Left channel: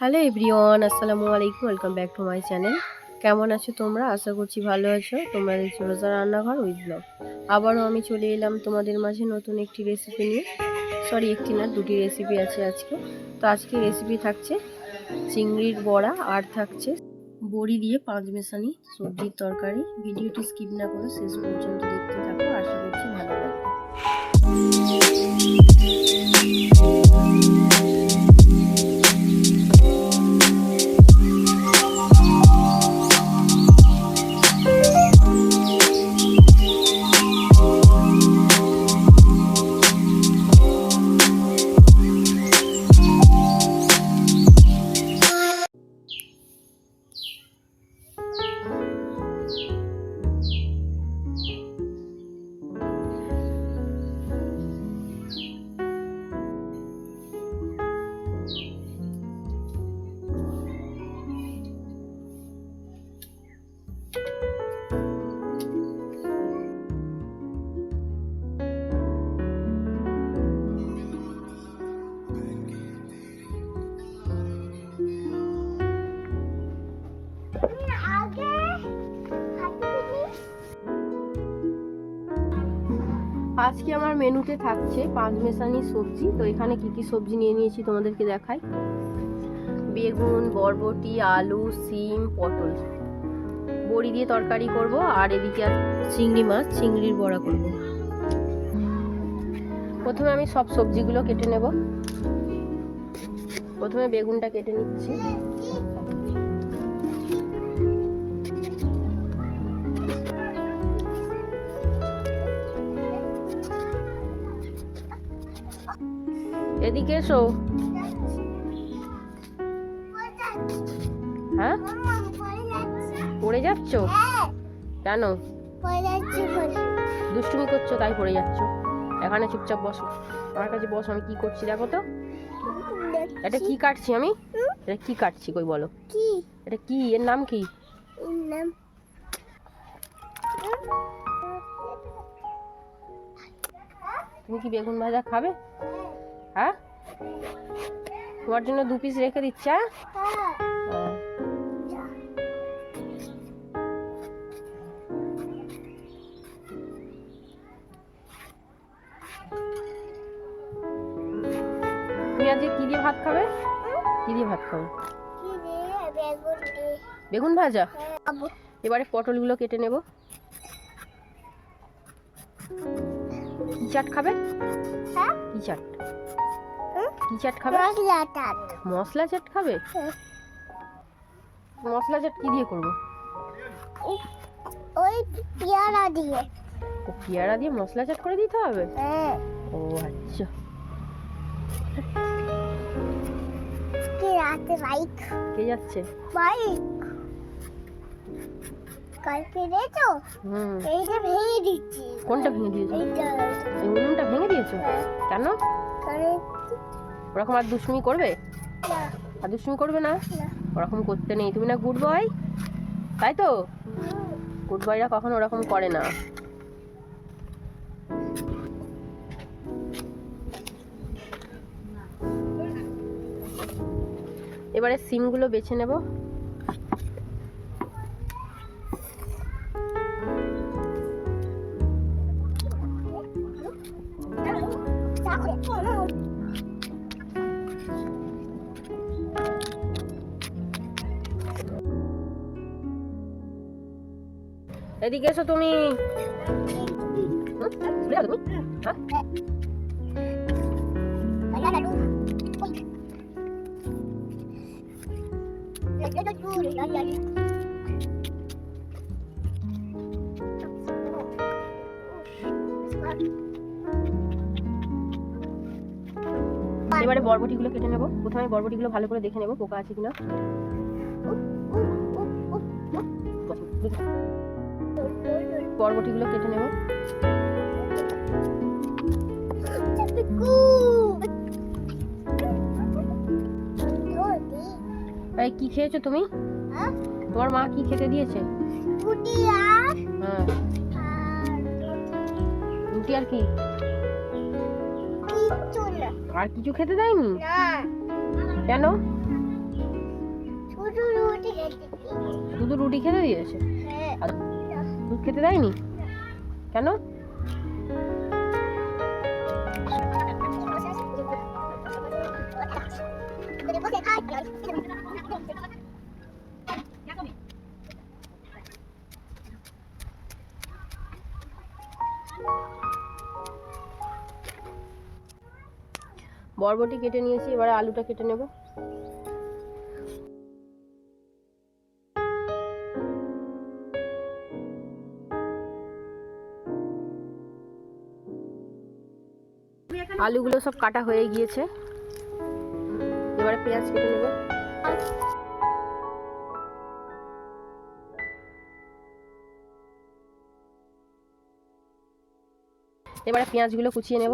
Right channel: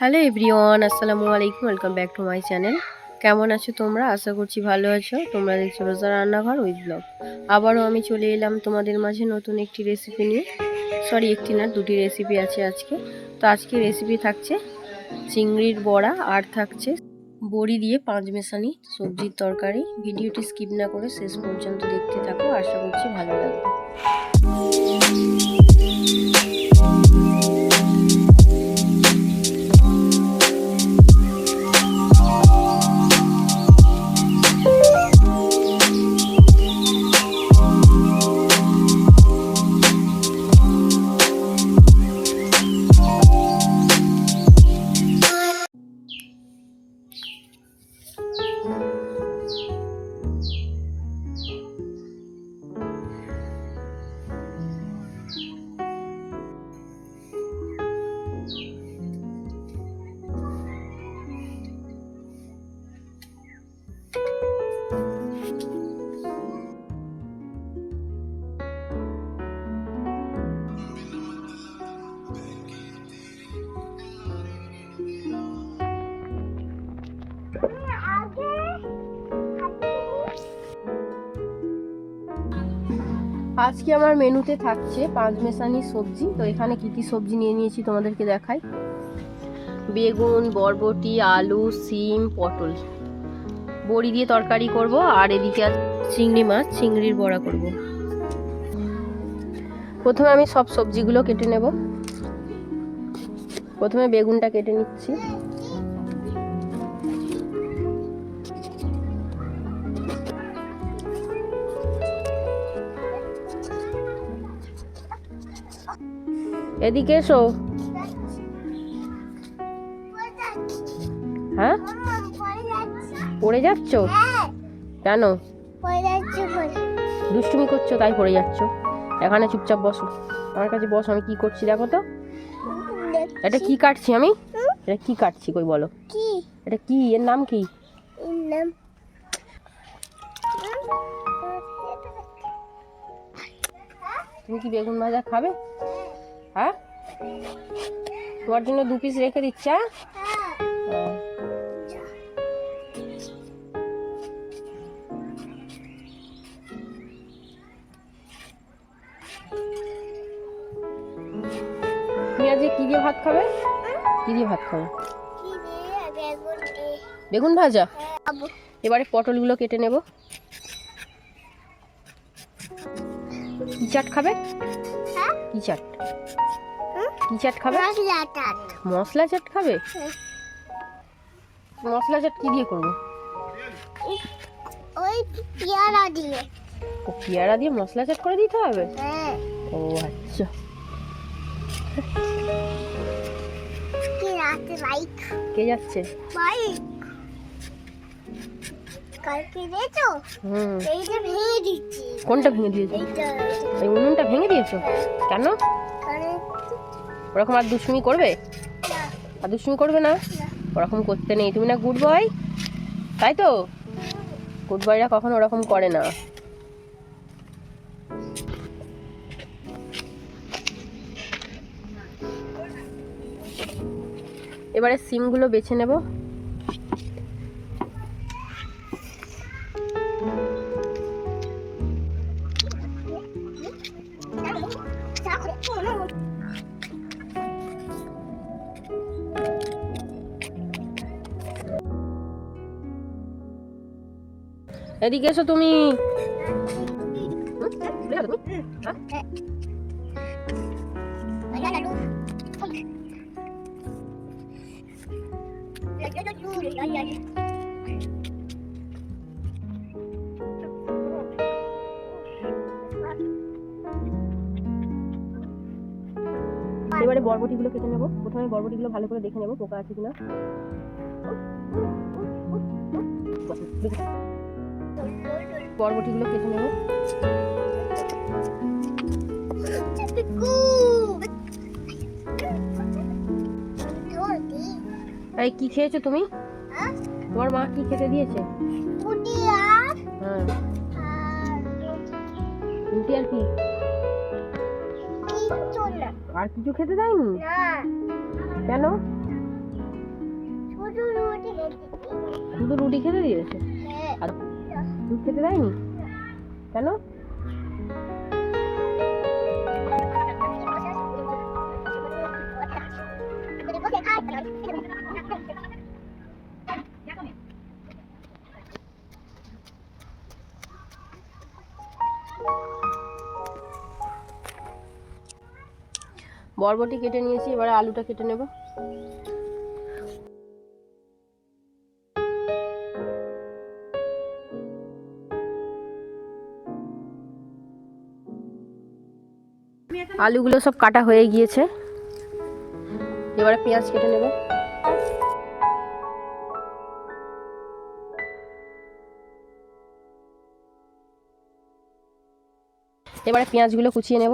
Hello everyone, আসসালামু আলাইকুম, welcome back to my channel. কেমন আছো তোমরা? আশা করছি ভালো আছো। তোমরা দেখছ রোজা রান্নাঘর উইথ ব্লগ। আবারও আমি চলে এলাম তোমাদের মাঝে নতুন একটি রেসিপি নিয়ে। সরি একটি না, দুটি রেসিপি আছে আজকে। তো আজকে রেসিপি থাকছে চিংড়ির বড়া আর থাকছে বড়ি দিয়ে পাঁচ মেশানি সবজির তরকারি। ভিডিওটি স্কিপ না করে শেষ পর্যন্ত দেখতে থাকো। আশা করছি ভালো লাগবে। আজকে আমার মেনুতে থাকছে পাঁচ মেশানি সবজি। তো এখানে কি কি সবজি নিয়ে নিয়েছি তোমাদেরকে দেখাই। বেগুন, বরবটি, আলু, সিম, পটল। বড়ি দিয়ে তরকারি করব, আর এদিকে চিংড়ি মাছ, চিংড়ির বড়া করব। প্রথমে আমি সব সবজিগুলো কেটে নেব। প্রথমে বেগুনটা কেটে নিচ্ছি। এদিকে এসো। হ্যাঁ? পড়ে যাচ্ছ? কেন? দুষ্টুমি করছ তাই পড়ে যাচ্ছ। এখানে চুপচাপ বসো। আমার কাছে বসো আমি কি করছি দেখো তো। এটা কি কাটছি আমি? এটা কি কাটছি কই বলো? কি? এটা কি? এর নাম কি? নাম? তুমি কি বেগুন ভাজা খাবে? হ্যাঁ? তোমার জন্য দু পিস রেখে দিচ্ছি তুমি আজকে কি দিয়ে ভাত খাবে? কি দিয়ে ভাত খাবে? বেগুন ভাজা? এবারে পটলগুলো কেটে নেব। চাট খাবে? কি চাট? কি চাট খাবে? মশলা টাট মশলা চাট খাবে। মশলা চাট কি দিয়ে করব? ওই পেয়ারা দিয়ে। ও পেয়ারা দিয়ে মশলা চাট করে দিতে হবে? হ্যাঁ। ও আচ্ছা। কি রাতে বাইক? কে যাচ্ছে? বাইক। কালকে দেখো এইটা ভেঙে দিচ্ছি। কোনটা ভেঙে দিয়েছ? এই উনুনটা ভেঙে দিয়েছ? কেন? ওরকম আর দুষ্টুমি করবে? আর দুষ্টুমি করবে না? না। ওরকম করতে নেই। তুমি না গুড বয় তাই তো? গুড বয়রা কখনো ওরকম করে না। এবারে সিমগুলো বেছে নেব। এদিকে এসো তুমি? এবারে বরবটিগুলো কেটে নেব প্রথমে বরবটিগুলো ভালো করে দেখে নেব পোকা আছে কিনা বরবটিগুলো কেটে নেব। এই কি খেয়েছো তুমি? তোমার মা কি খেতে দিয়েছে? হ্যাঁ। রুটি আর কি? আর কিছু খেতে দেয়নি? কেন? শুধু রুটি খেতে দিয়েছে। আর দুধ খেতে দেয়নি? কেন? বরবটি কেটে নিয়েছি এবারে আলুটা কেটে নেব। আলুগুলো সব কাটা হয়ে গিয়েছে। এবারে পেঁয়াজ কেটে নেব। এবারে পেঁয়াজগুলো কুচিয়ে নেব।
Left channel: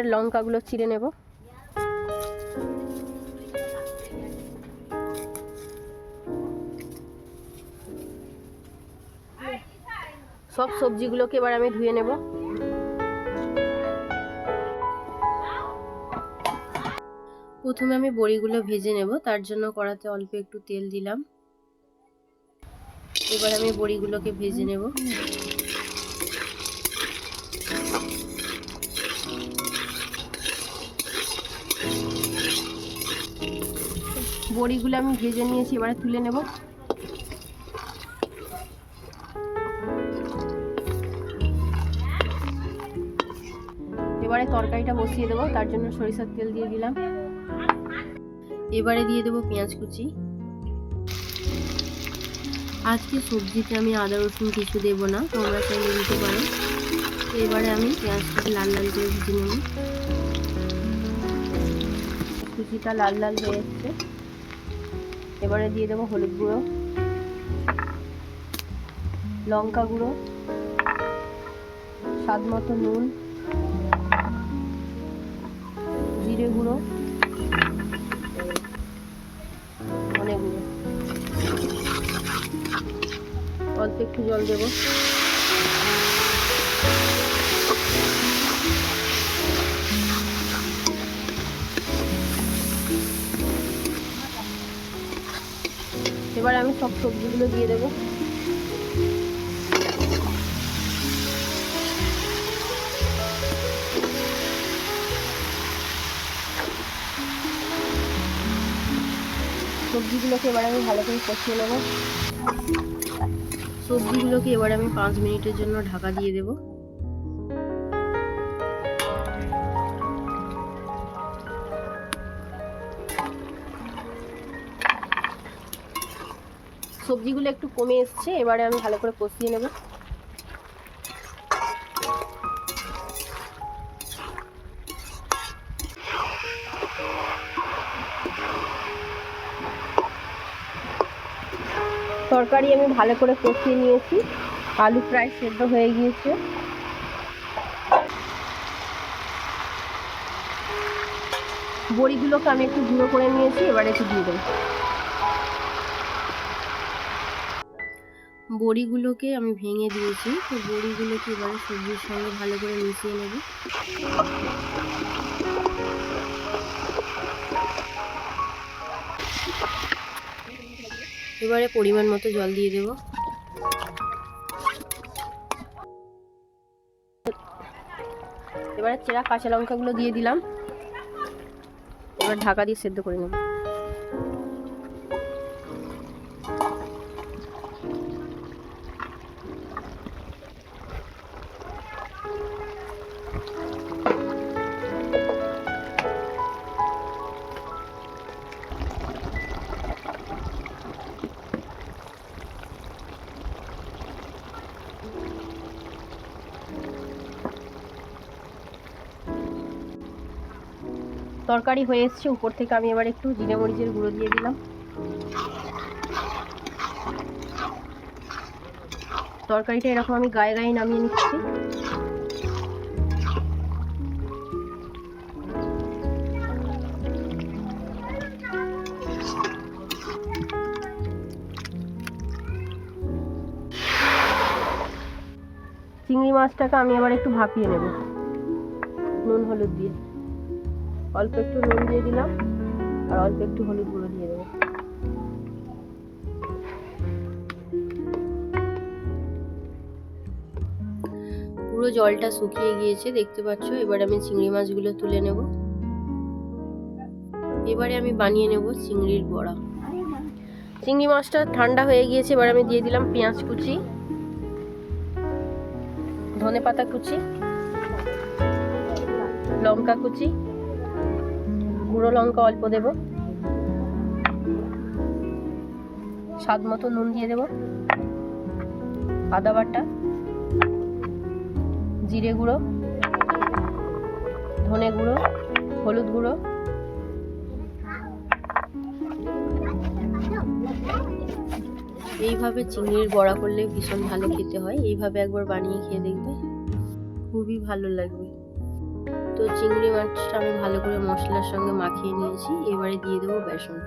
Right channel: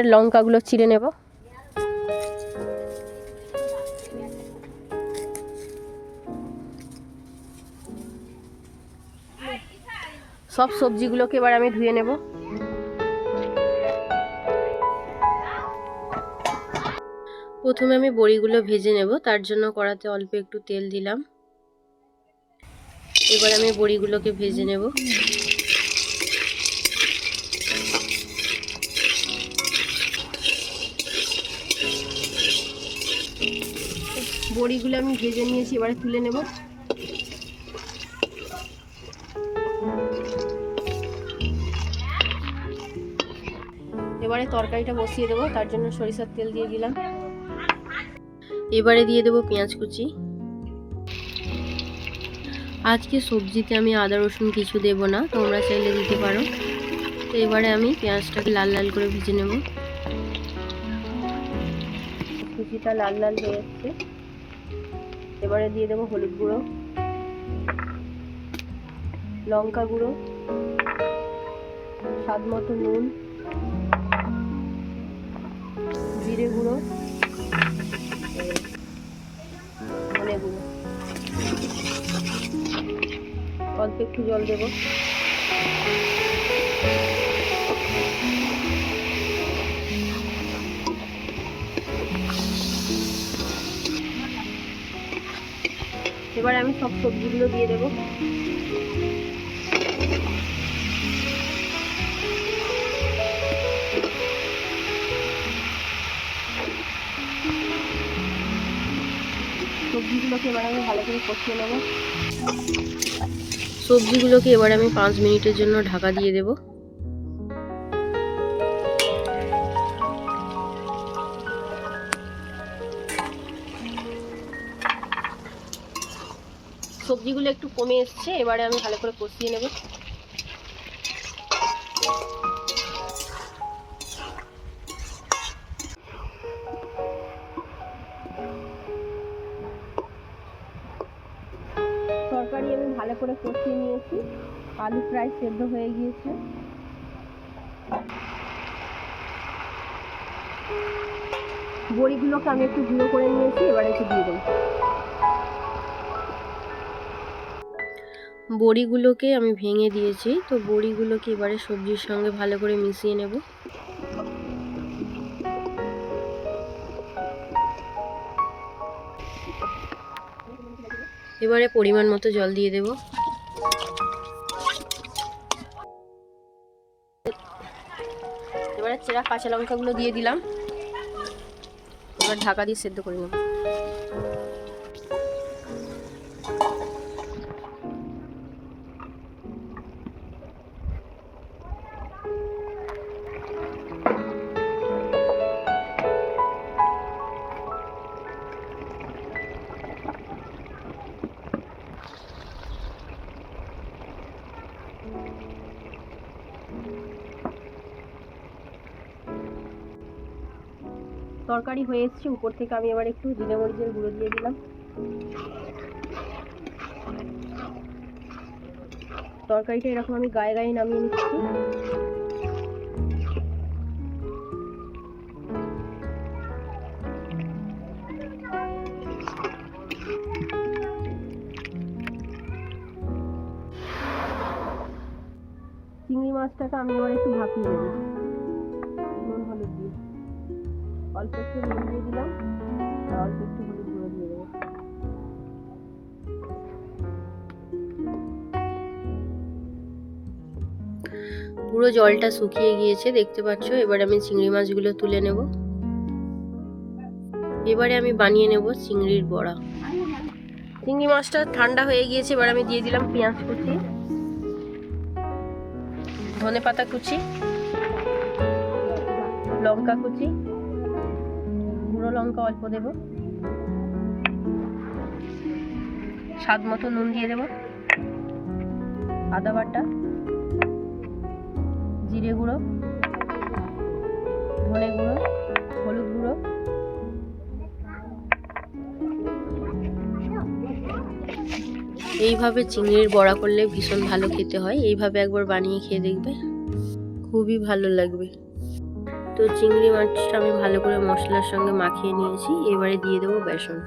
এবারে লঙ্কাগুলো চিড়ে নেব। সব সবজিগুলোকে এবার আমি ধুয়ে নেব। প্রথমে আমি বড়িগুলো ভেজে নেব, তার জন্য কড়াতে অল্প একটু তেল দিলাম। এবার আমি বড়িগুলোকে ভেজে নেব। বড়িগুলো আমি ভেজে নিয়েছি, এবারে তুলে নেব। এবারে তরকারিটা বসিয়ে দেবো, তার জন্য সরিষার তেল দিয়ে দিলাম। এবারে দিয়ে দেবো পেঁয়াজ কুচি। আজকে সবজিতে আমি আদা, রসুন কিছু দেবো না, তোমরা চাইলে দিতে পারো। তো এবারে আমি পেঁয়াজটাকে লাল লাল করে ভেজে নেব। কুচিটা লাল লাল হয়ে যাচ্ছে এবারে দিয়ে দেবো হলুদ গুঁড়ো, লঙ্কা গুঁড়ো, স্বাদ মতো নুন, জিরে গুঁড়ো, ধনে গুঁড়ো। অল্প একটু জল দেবো। আমি সব সবজিগুলো দিয়ে দেবো। সবজিগুলোকে এবার আমি ভালো করে কষিয়ে নেব। সবজিগুলোকে এবার আমি পাঁচ মিনিটের জন্য ঢাকা দিয়ে দেব। সবজিগুলো একটু কমে এসছে, এবারে আমি ভালো করে কষিয়ে নেব। তরকারি আমি ভালো করে কষিয়ে নিয়েছি। আলু প্রায় সেদ্ধ হয়ে গিয়েছে। বড়িগুলোকে আমি একটু গুঁড়ো করে নিয়েছি, এবারে একটু দিয়ে দেবো। বড়িগুলোকে আমি ভেঙে দিয়েছি। তো বড়িগুলোকে এবারে সবজির সঙ্গে ভালো করে মিশিয়ে নেব। এবারে পরিমাণ মতো জল দিয়ে দেব। এবারে চেরা কাঁচা লঙ্কাগুলো দিয়ে দিলাম। এবার ঢাকা দিয়ে সেদ্ধ করে নেব। তরকারি হয়ে এসছে। উপর থেকে আমি এবার একটু জিরে মরিচের গুঁড়ো দিয়ে দিলাম। তরকারিটা এরকম আমি গায়ে গায়ে নামিয়ে নিচ্ছি। চিংড়ি মাছটাকে আমি এবার একটু ভাপিয়ে নেব। নুন, হলুদ দিয়ে। অল্প একটু নুন দিয়ে দিলাম, আর অল্প একটু হলুদ গুঁড়ো দিয়ে দেবো। পুরো জলটা শুকিয়ে গিয়েছে, দেখতে পাচ্ছ? এবার আমি চিংড়ি মাছগুলো তুলে নেব। এবারে আমি বানিয়ে নেব চিংড়ির বড়া। চিংড়ি মাছটা ঠান্ডা হয়ে গিয়েছে, এবার আমি দিয়ে দিলাম পেঁয়াজ কুচি ধনে পাতা কুচি, লঙ্কা কুচি গুঁড়ো লঙ্কা অল্প দেব। স্বাদ মতো নুন দিয়ে দেব। আদা বাটা, জিরে গুঁড়ো, ধনে গুঁড়ো, হলুদ গুঁড়ো। এইভাবে চিংড়ির বড়া করলে ভীষণ ভালো খেতে হয়। এইভাবে একবার বানিয়ে খেয়ে দেখবে। খুবই ভালো লাগবে। তো চিংড়ি মাছটা আমি ভালো করে মশলার সঙ্গে মাখিয়ে নিয়েছি। এবারে দিয়ে দেবো বেসন।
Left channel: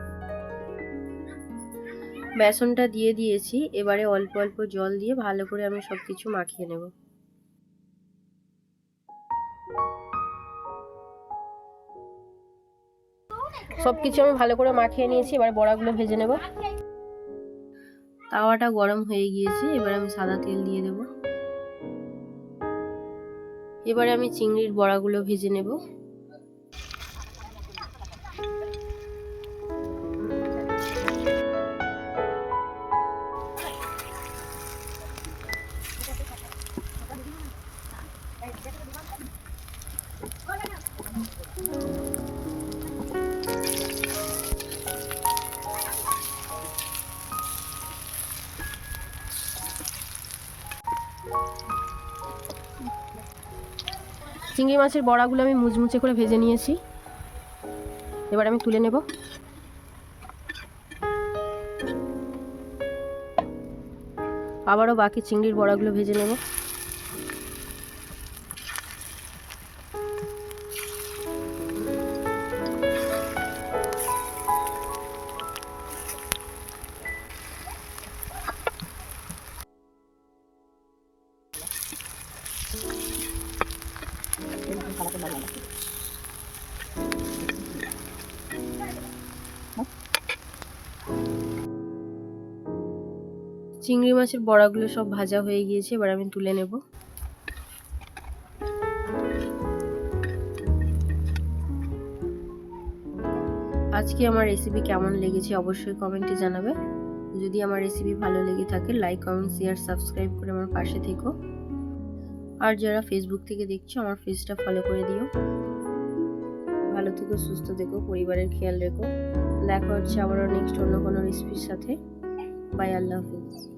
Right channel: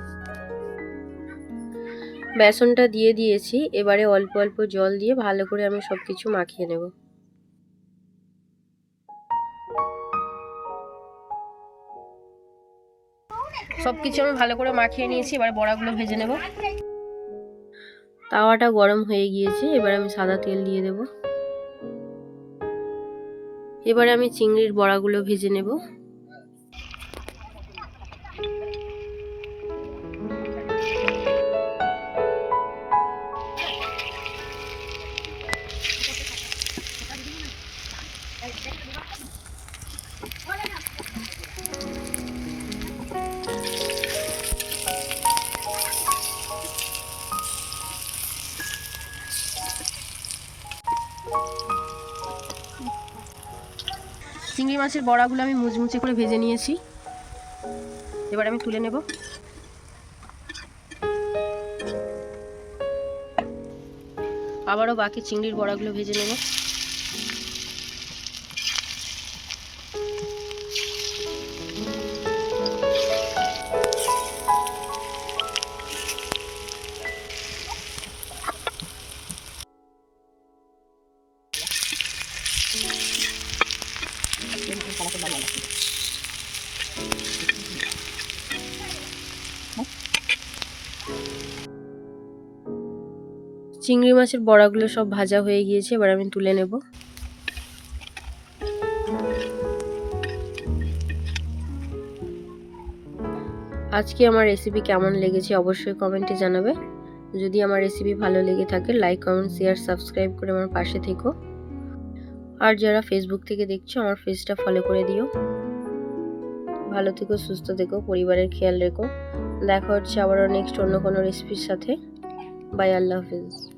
বেসনটা দিয়ে দিয়েছি। এবারে অল্প অল্প জল দিয়ে ভালো করে আমি সব কিছু মাখিয়ে নেব। সব কিছু আমি ভালো করে মাখিয়ে নিয়েছি। এবার বড়াগুলো ভেজে নেব। তাওয়াটা গরম হয়ে গিয়েছে। এবার আমি সাদা তেল দিয়ে দেব। এবারে আমি চিংড়ির বড়াগুলো ভেজে নেব। চিংড়ি মাছের বড়াগুলো আমি মুচমুচে করে ভেজে নিয়েছি। এবার আমি তুলে নেব। আবারও বাকি চিংড়ির বড়াগুলো ভেজে নেব। চিংড়ি মাছের বড়াগুলো সব ভাজা হয়ে গিয়েছে, এবার আমি তুলে নেব। আজকে আমার রেসিপি কেমন লেগেছে অবশ্যই কমেন্টে জানাবে। যদি আমার রেসিপি ভালো লেগে থাকে লাইক কমেন্ট শেয়ার সাবস্ক্রাইব করে আমার পাশে থেকো। আর যারা ফেসবুক থেকে দেখছ, আমার পেজটা ফলো করে দিও। ভালো থেকো, সুস্থ থেকো, পরিবারের খেয়াল রেখো। দেখা হচ্ছে আবারও নেক্সট অন্য কোনো রেসিপির সাথে। বাই আল্লাহ হাফিজ।